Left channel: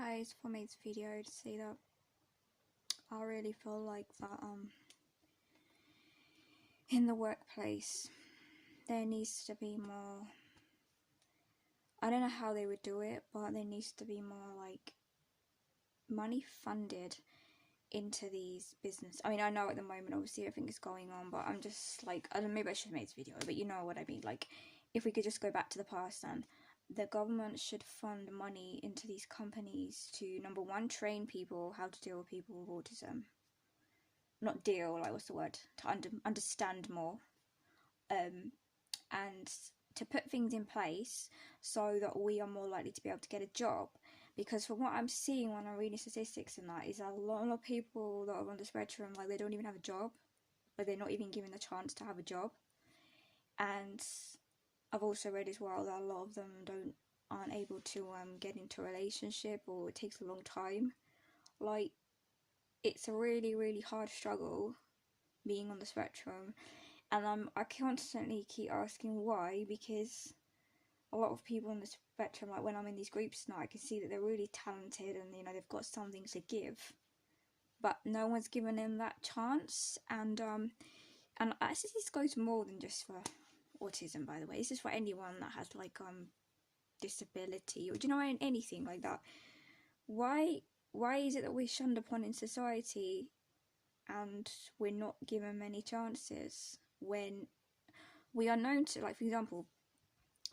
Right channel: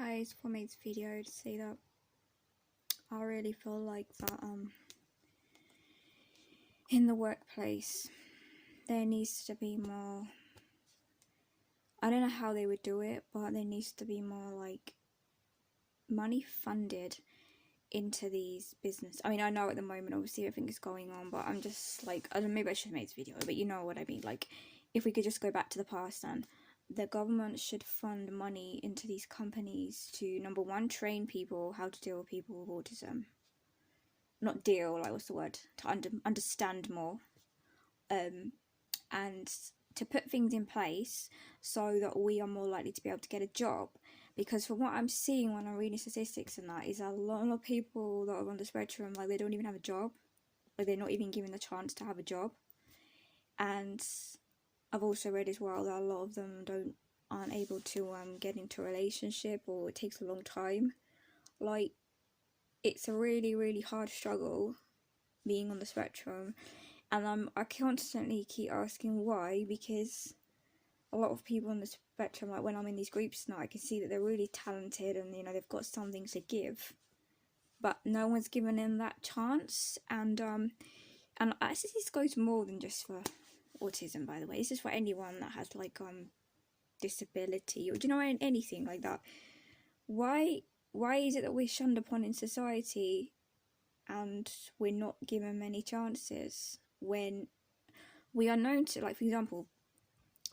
guys, for this video to say that I really feel like that in the workplace there needs to be more. I don't know how they would do it, but there needs to be more like money funded into these business. I mean, I know at the moment obviously everything is going on, but I'm just like, I don't know, maybe I should make this video, but you know what I mean. Like, if we could just go back to the past, and the government should fund money into these companies to, number one, train people how to deal with people with autism. Not deal, like, what's the word? To understand more. And to put things in place so that we are more likely to be able to get a job. Because from what I'm seeing when I'm reading statistics and that, is a lot of people that are on the spectrum, like, they don't even have a job. Like, they're not even given the chance to have a job. And I've also read as well that a lot of them aren't able to get into a relationship, or it takes a long time. Like, it's a really, really hard struggle being on the spectrum. And I constantly keep asking why, because a lot of people on the spectrum, like when I'm in these groups now, I can see that they're really talented and, you know, they've got something to give, but no one's given them that chance. And actually this goes more than just for autism, by the way. It's just for anyone that has like disability, or do you know, anything like that. Why is it that we're shunned upon in society and we're not given many chances when we are known to, like, for example,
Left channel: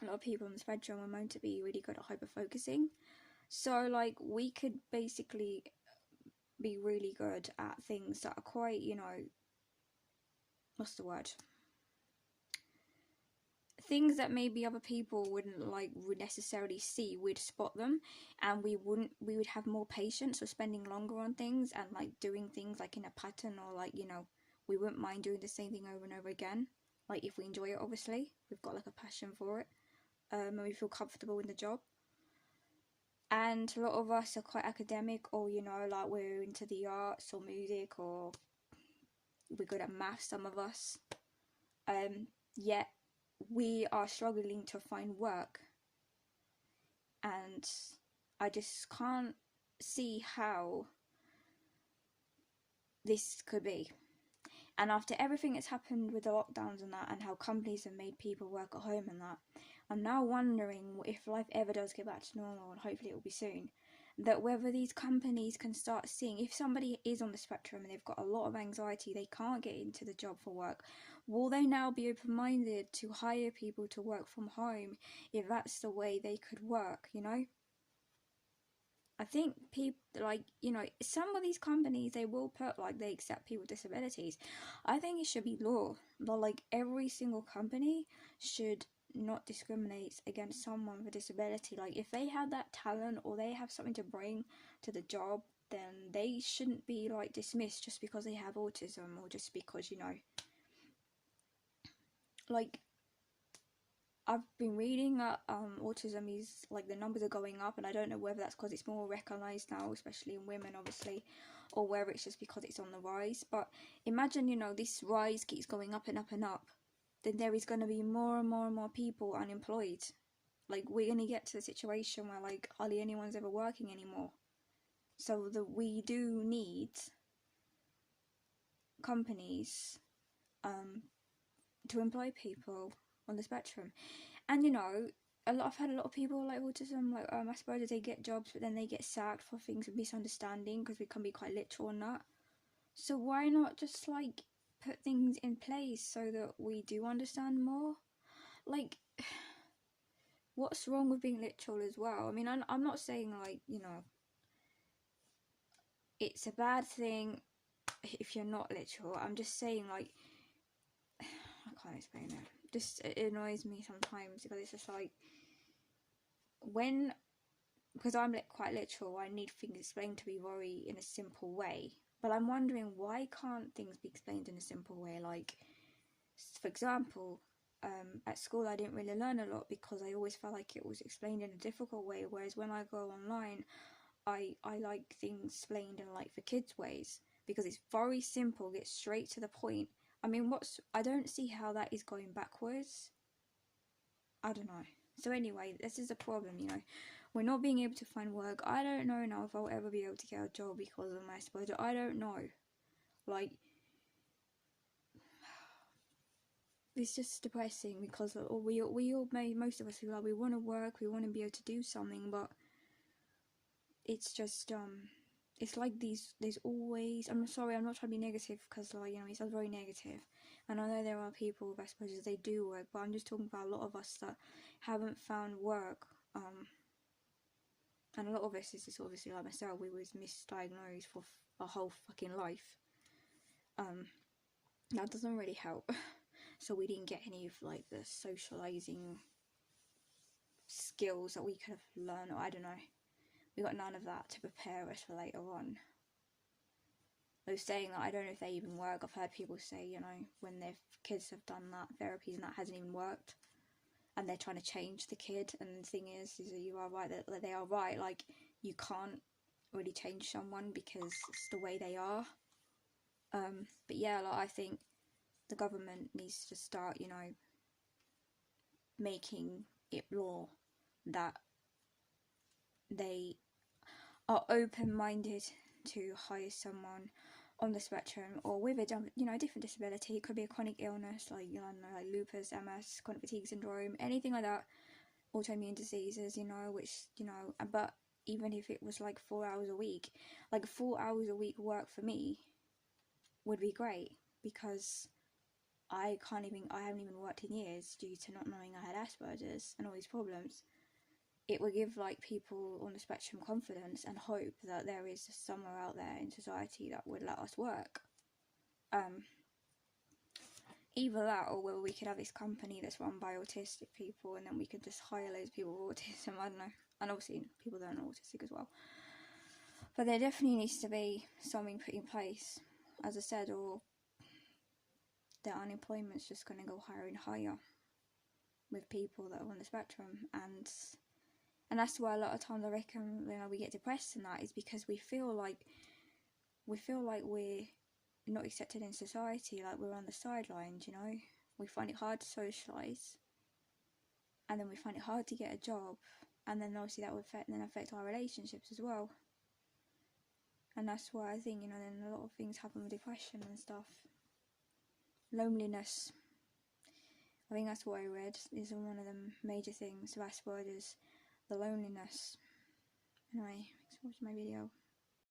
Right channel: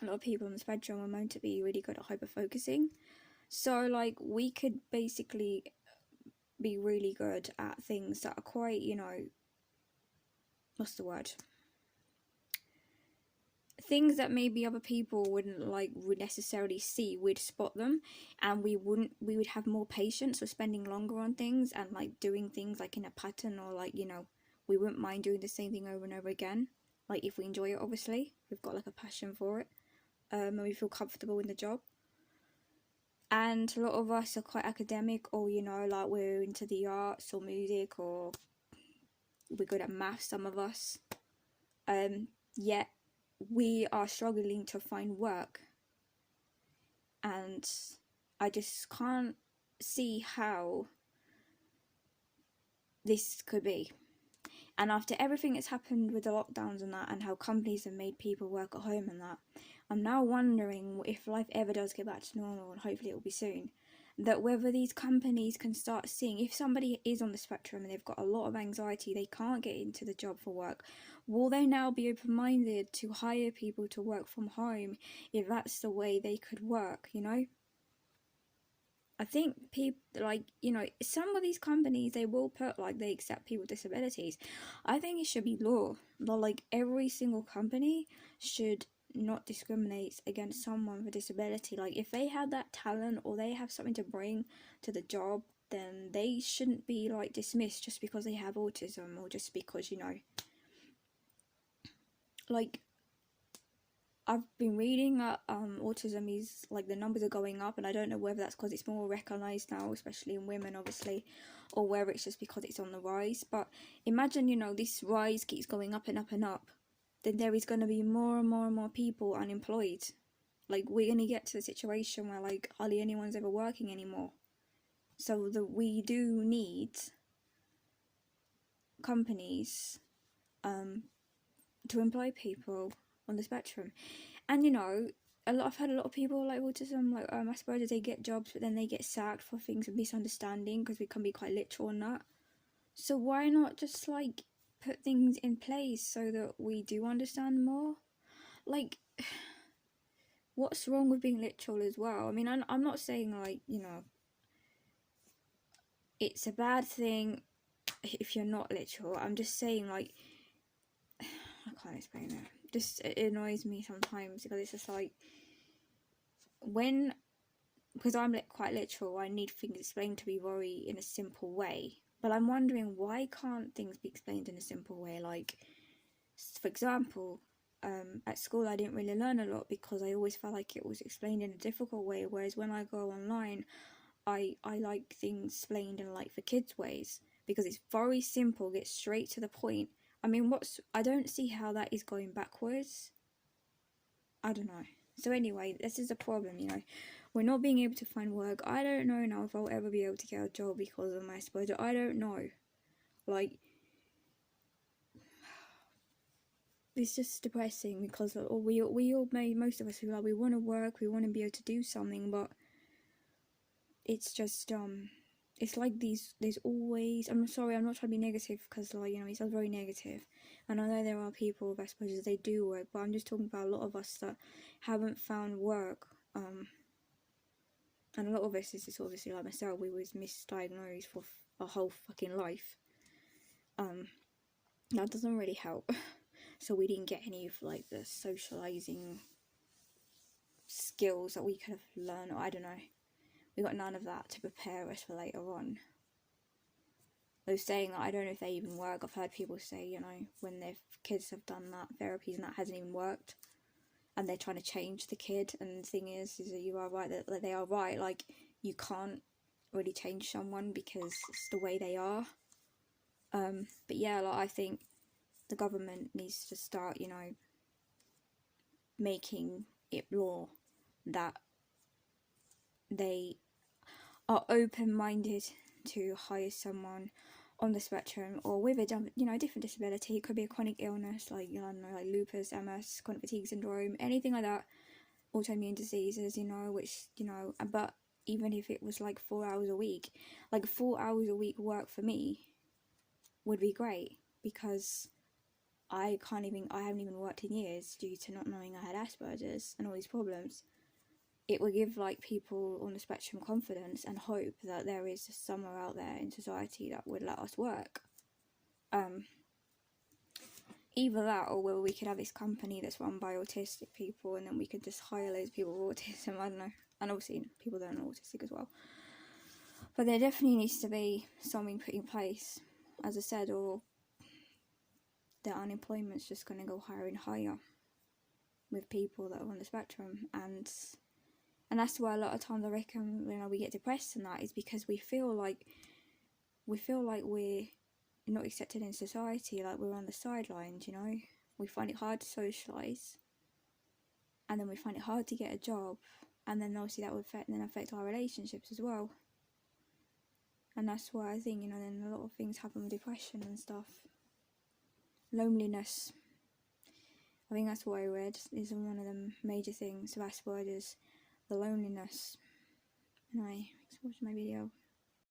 a lot of people on the spectrum are known to be really good at hyper-focusing. So, like, we could basically be really good at things that are quite, you know, what's the word? Things that maybe other people would necessarily see, we'd spot them, and we would have more patience for spending longer on things and like doing things like in a pattern, or like, you know, we wouldn't mind doing the same thing over and over again. Like, if we enjoy it, obviously, we've got like a passion for it, and we feel comfortable in the job. And a lot of us are quite academic, or, you know, like we're into the arts or music, or we're good at maths, some of us, yet we are struggling to find work. And I just can't see how this could be. And after everything that's happened with the lockdowns and that, and how companies have made people work at home and that, I'm now wondering if life ever does get back to normal, and hopefully it will be soon, that whether these companies can start seeing, if somebody is on the spectrum and they've got a lot of anxiety, they can't get into the job for work, will they now be open-minded to hire people to work from home if that's the way they could work, you know? I think people, like, you know, some of these companies, they will put, like, they accept people with disabilities. I think it should be law. But, like, every single company should not discriminate against someone with a disability. Like, if they have that talent or they have something to bring to the job, then they shouldn't be, like, dismissed just because they have autism, or just because, you know, like, I've been reading that autism is, like, the numbers are going up, and I don't know whether that's because it's more recognised now, especially in women, obviously, or whether it's just because it's on the rise. But imagine, you know, this rise keeps going up and up and up, then there is going to be more and more and more people unemployed. Like, we're going to get to a situation where, like, hardly anyone's ever working anymore. So we do need companies to employ people on the spectrum. And, you know, I've heard a lot of people like autism, like Aspergers, they get jobs, but then they get sacked for things of misunderstanding, because we can be quite literal on that. So why not just, like, put things in place so that we do understand more? Like, what's wrong with being literal as well? I mean, I'm not saying, like, you know, it's a bad thing if you're not literal. I'm just saying, like, I can't explain it. Just, it annoys me sometimes, because it's just like, because I'm quite literal, I need things explained to me very in a simple way. But I'm wondering, why can't things be explained in a simple way? Like, for example, at school I didn't really learn a lot because I always felt like it was explained in a difficult way, whereas when I go online, I like things explained in, like, for kids ways, because it's very simple, gets straight to the point. I mean, I don't see how that is going backwards. I don't know. So anyway, this is a problem, you know. we're not being able to find work. I don't know now if I'll ever be able to get a job because of my Asperger. I don't know. Like, it's just depressing because we all most of us feel like we want to work, we want to be able to do something, but it's just it's like there's always, I'm sorry, I'm not trying to be negative because, like, you know, it sounds very negative, and I know there are people with Asperger's, they do work, but I'm just talking about a lot of us that haven't found work, and a lot of us is just obviously like myself, we was misdiagnosed for our whole fucking life. That doesn't really help. So we didn't get any of like the socializing skills that we could have learned, or I don't know. We got none of that to prepare us for later on. Those saying that, I don't know if they even work. I've heard people say, you know, when their kids have done that therapies and that hasn't even worked, and they're trying to change the kid. And the thing is that you are right, that they are right. Like, you can't really change someone because it's the way they are. But yeah, like, I think the government needs to start, you know, making it law that they are open-minded to hire someone on the spectrum or with a, you know, different disability. It could be a chronic illness like, you know, like lupus, MS, chronic fatigue syndrome, anything like that, autoimmune diseases, you know, which, you know, but even if it was like 4 hours a week, like 4 hours a week work for me would be great, because I haven't even worked in years due to not knowing I had Asperger's and all these problems. It will give like people on the spectrum confidence and hope that there is somewhere out there in society that would let us work. Either that, or whether we could have this company that's run by autistic people and then we could just hire loads of people with autism, I don't know. And obviously people that are autistic as well. But there definitely needs to be something put in place, as I said, or the unemployment's just going to go higher and higher with people that are on the spectrum. And that's why a lot of times I reckon, you know, we get depressed and that is because we feel like we're not accepted in society, like we're on the sidelines, you know. We find it hard to socialise, and then we find it hard to get a job, and then obviously that will affect our relationships as well. And that's why I think, you know, then a lot of things happen with depression and stuff. Loneliness, I think that's what I read, is one of the major things of Asperger's, the loneliness. Anyway, thanks for watching my video.